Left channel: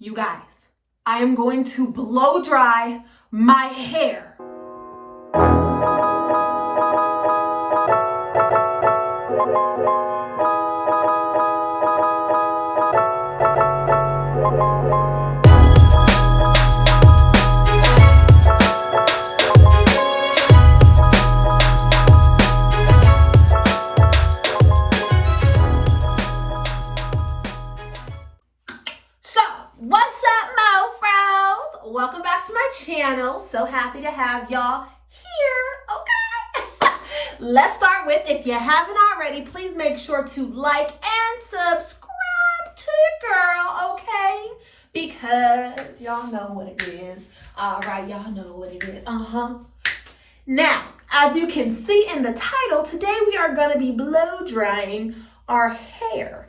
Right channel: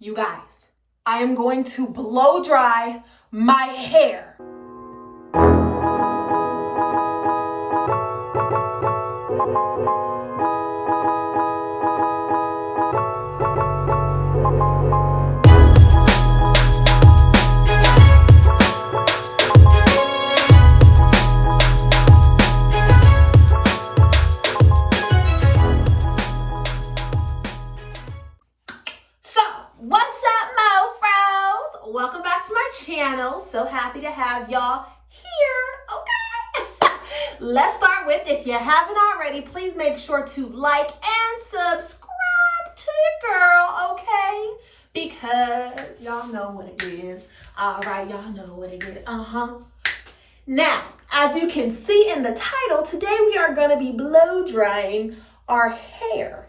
You guys, I am going to blow dry my hair. What's up, MoFros? Welcome back to my channel. So happy to have y'all here, okay? Let's start with, if you haven't already, please make sure to like and subscribe to your girl, okay? Because y'all know what it is. All right, y'all know what it is. Now, as you can see in the title, today we are going to be blow drying our hair.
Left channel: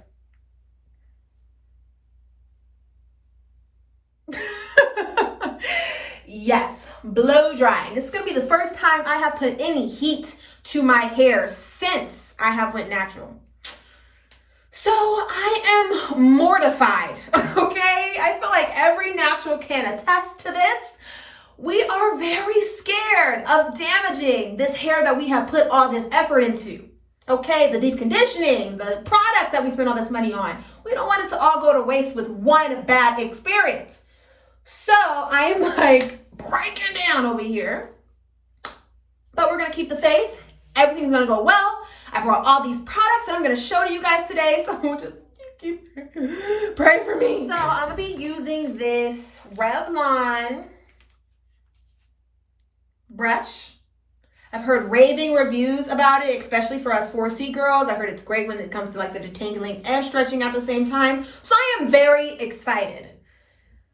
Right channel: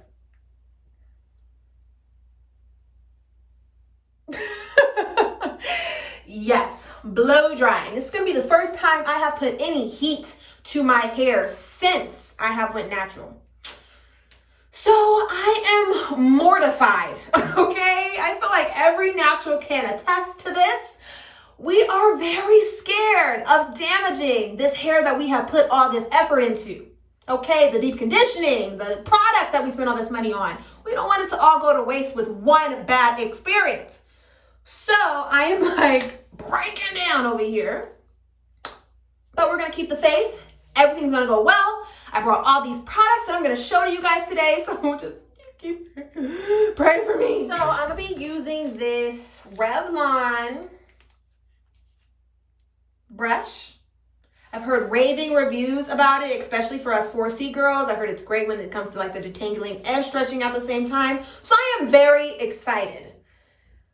Yes, blow drying. This is going to be the first time I have put any heat to my hair since I have went natural. So I am mortified, okay? I feel like every natural can attest to this. We are very scared of damaging this hair that we have put all this effort into. Okay, the deep conditioning, the products that we spend all this money on. We don't want it to all go to waste with one bad experience. So I am like breaking down over here, but we're going to keep the faith. Everything's going to go well. I brought all these products that I'm going to show to you guys today. So just keep praying for me. So I'm going to be using this Revlon brush. I've heard raving reviews about it, especially for us 4C girls. I heard it's great when it comes to like the detangling and stretching at the same time. So I am very excited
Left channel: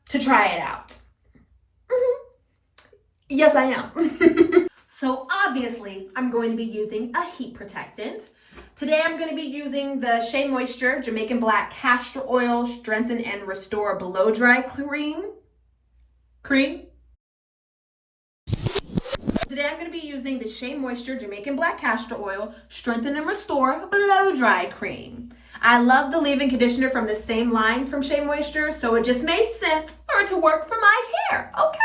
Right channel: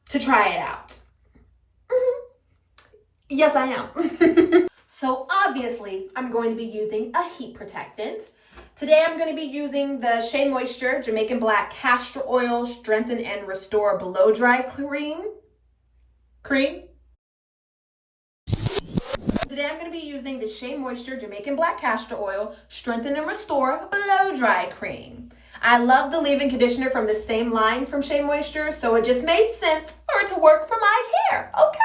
to try it out. Yes, I am. So obviously, I'm going to be using a heat protectant. Today, I'm going to be using the Shea Moisture Jamaican Black Castor Oil Strengthen and Restore Blow Dry Cream. Today, I'm going to be using the Shea Moisture Jamaican Black Castor Oil Strengthen and Restore Blow Dry Cream. I love the leave-in conditioner from the same line from Shea Moisture, so it just made sense for it to work for my hair, okay?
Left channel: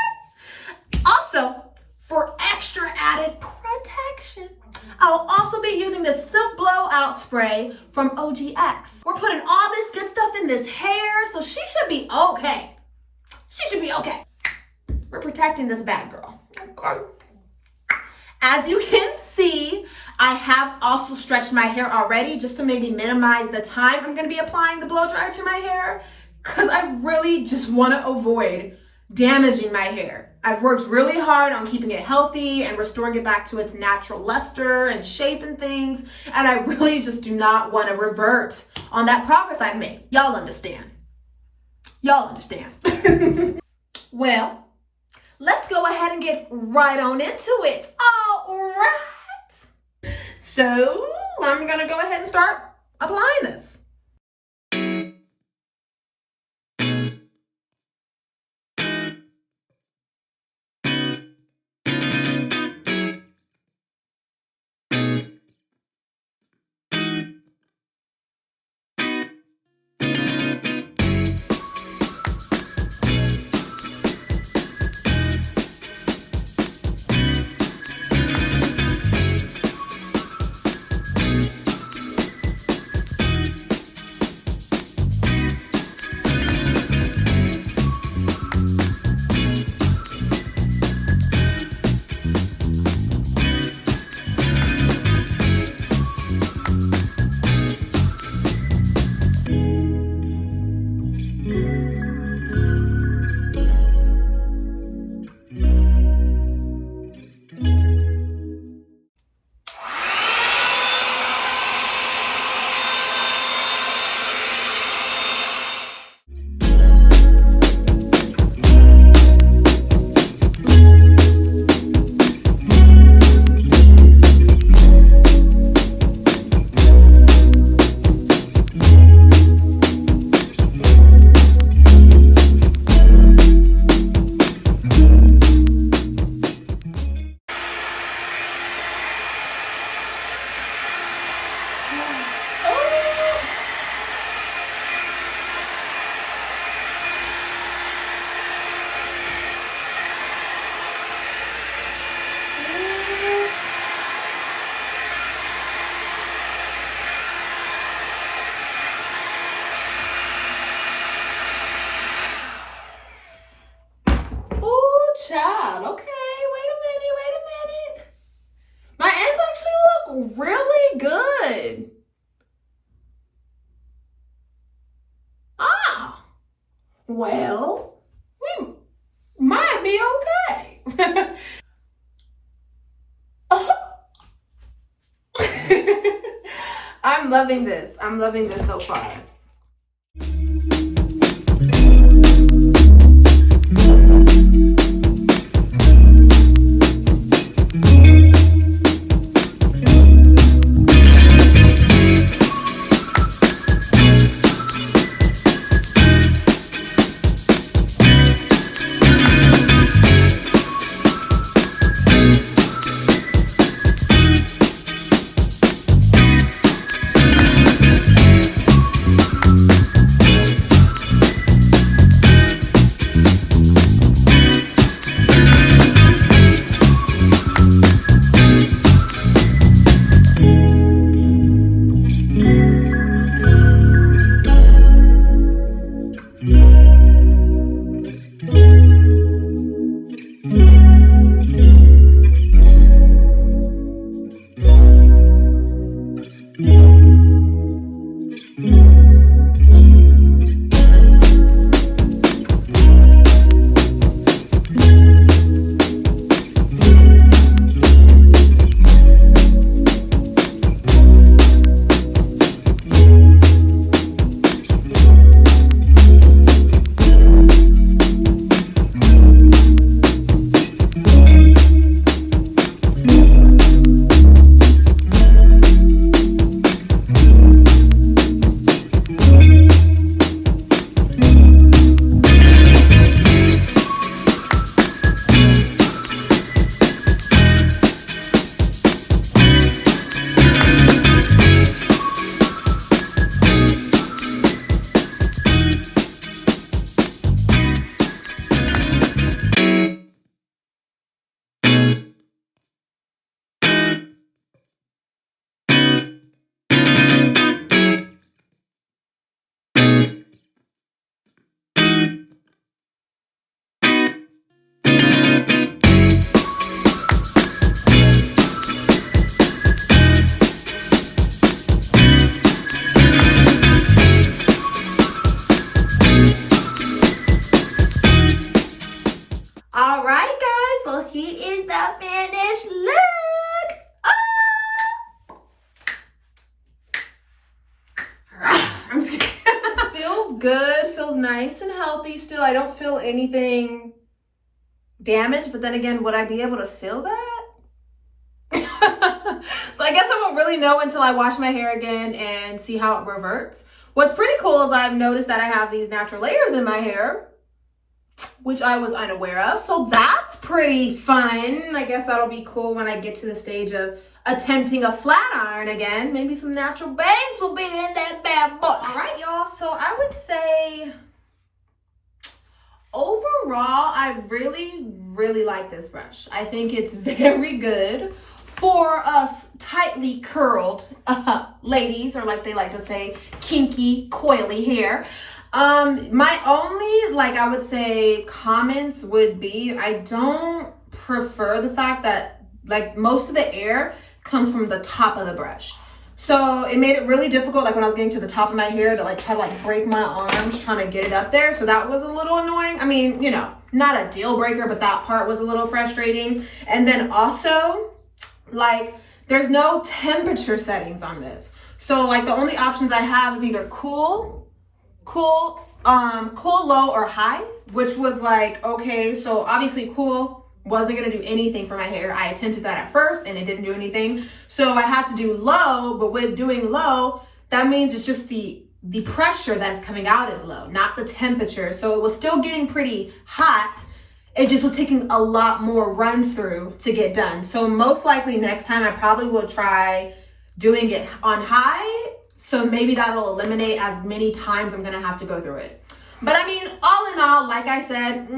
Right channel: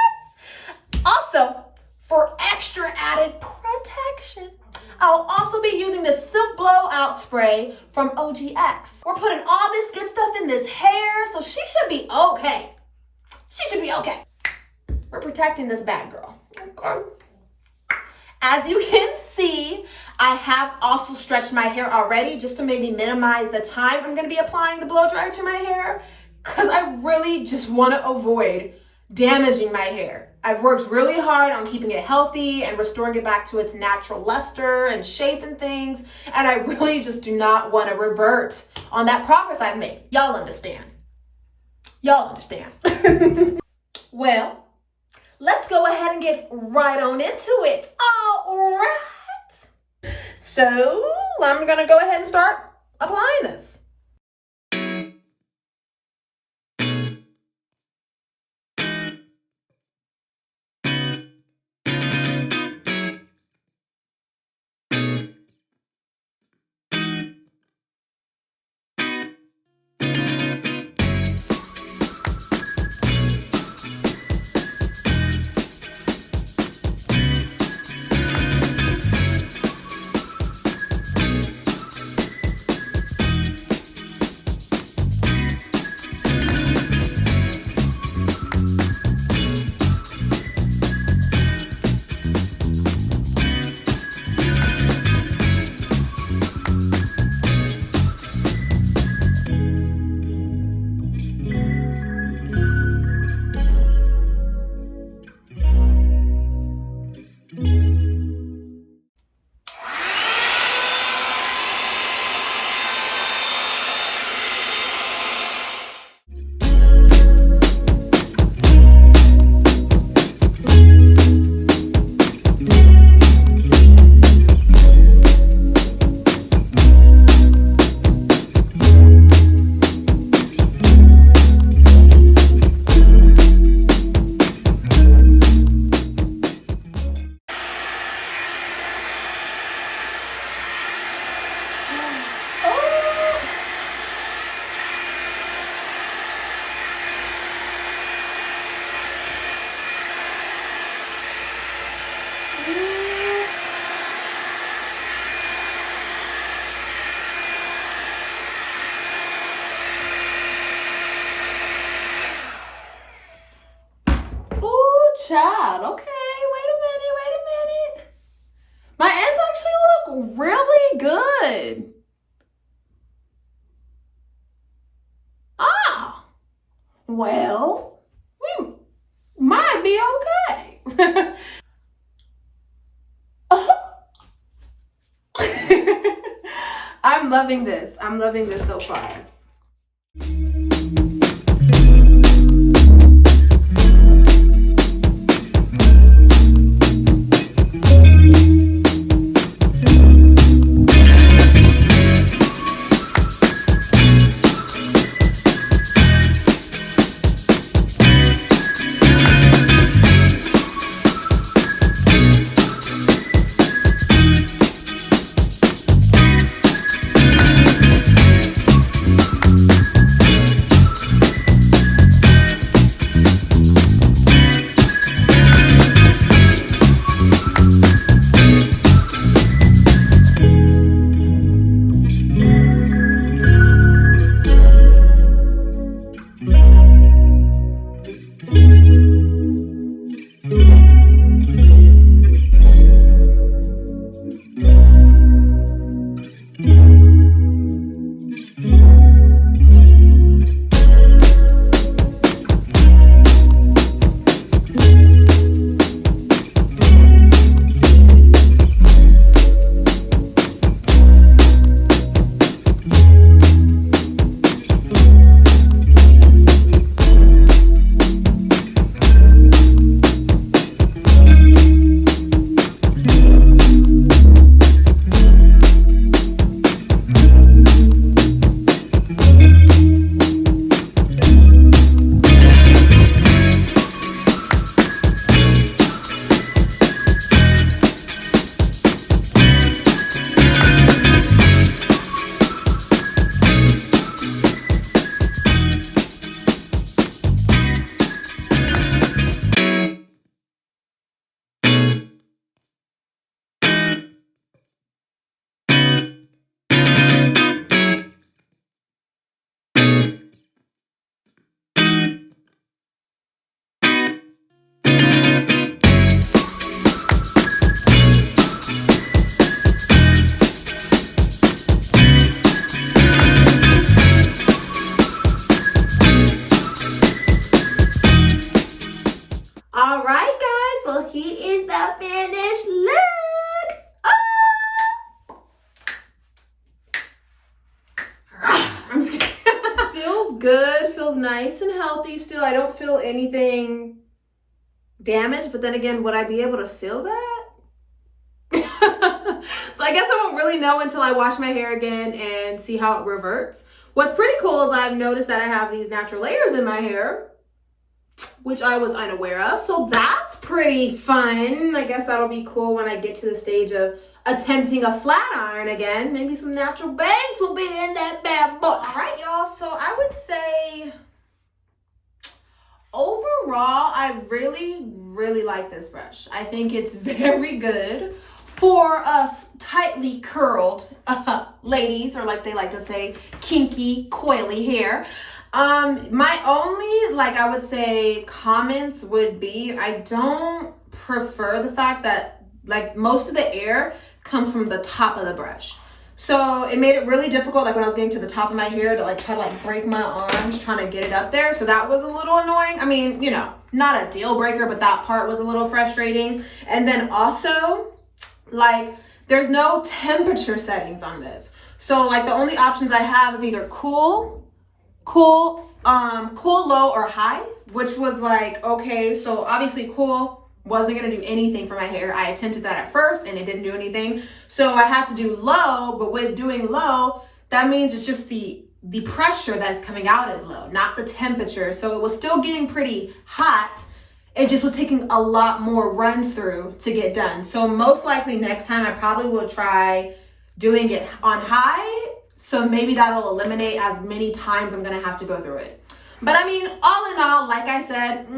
Also, for extra added protection, I will also be using the Silk Blowout Spray from OGX. We're putting all this good stuff in this hair, so she should be okay. She should be okay. We're protecting this bad girl, okay? As you can see, I have also stretched my hair already just to maybe minimize the time I'm going to be applying the blow dryer to my hair, because I really just want to avoid damaging my hair. I've worked really hard on keeping it healthy and restoring it back to its natural luster and shape and things, and I really just do not want to revert on that progress I've made. Y'all understand. Y'all understand. Well, let's go ahead and get right on into it. All right. So I'm going to go ahead and start applying this. child. Okay, wait a minute. My ends actually look really good. Ah, well, we might be okay. I'm loving this. I'm loving this so far. All right, guys. Well, here is the finished look. I'm just kidding. Feels good. Feels nice and healthy still. I don't feel anything damaged, but then again, would I be able to feel that? So I guess I won't really know until I wash my hair again and see how it reverts. What's pretty cool is I've noticed that I have these natural layers in my hair, which I was unaware of. So that's pretty fun. I guess that'll be cool when I get to the stage of attempting a flat iron again. Maybe some natural bangs will be in that bad boy. All right, y'all. So I would say overall, I really like this brush. I think it's very good for us tightly curled ladies, or like they like to say, kinky, coily hair. My only, I would say, comments would be, I don't prefer the fact that most of the air comes from the top of the brush. So it made it really difficult, when I was getting to the top of my hair, to try to break my arms trying to get it up there. So that was a little annoying. I mean, not a deal breaker, but that part was a little frustrating. And then also, there's no temperature settings on this. So the only options I have is either cool, low, or high, which was okay. So obviously cool wasn't gonna do anything for my hair. I attempted that at first and it didn't do anything. So I had to do low, but with doing low, that means it's just the pressure that is coming out is low, not the temperature. So it was still getting pretty hot. It just was taking a lot more runs through to get done. So most likely next time I probably will try doing it on high. So maybe that'll eliminate as many times I'm gonna have to go through it. But I mean, all in all, like I said,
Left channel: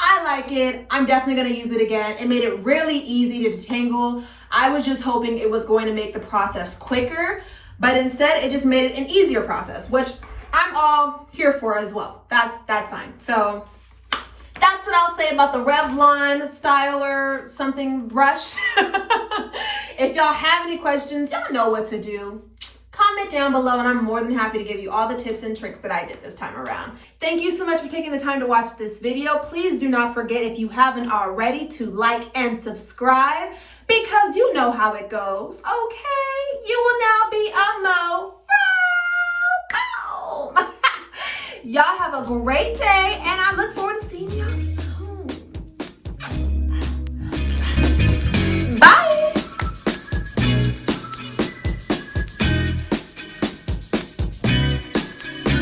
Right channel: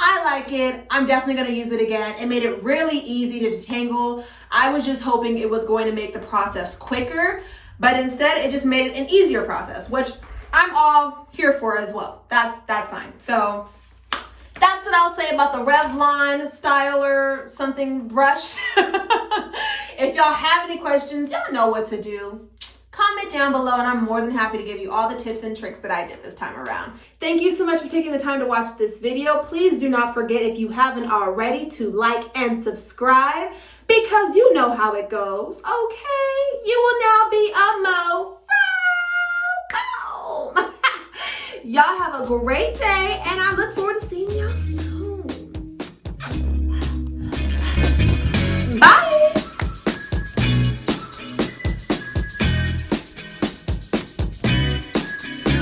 I like it. I'm definitely gonna use it again. It made it really easy to detangle. I was just hoping it was going to make the process quicker, but instead it just made it an easier process, which I'm all here for as well. That's fine. So That's what I'll say about the Revlon Styler something brush. If y'all have any questions, y'all know what to do. Comment down below and I'm more than happy to give you all the tips and tricks that I did this time around. Thank you so much for taking the time to watch this video. Please do not forget, if you haven't already, to like and subscribe, because you know how it goes, okay? You will now be a MoFro. Y'all have a great day and I look forward to seeing y'all soon.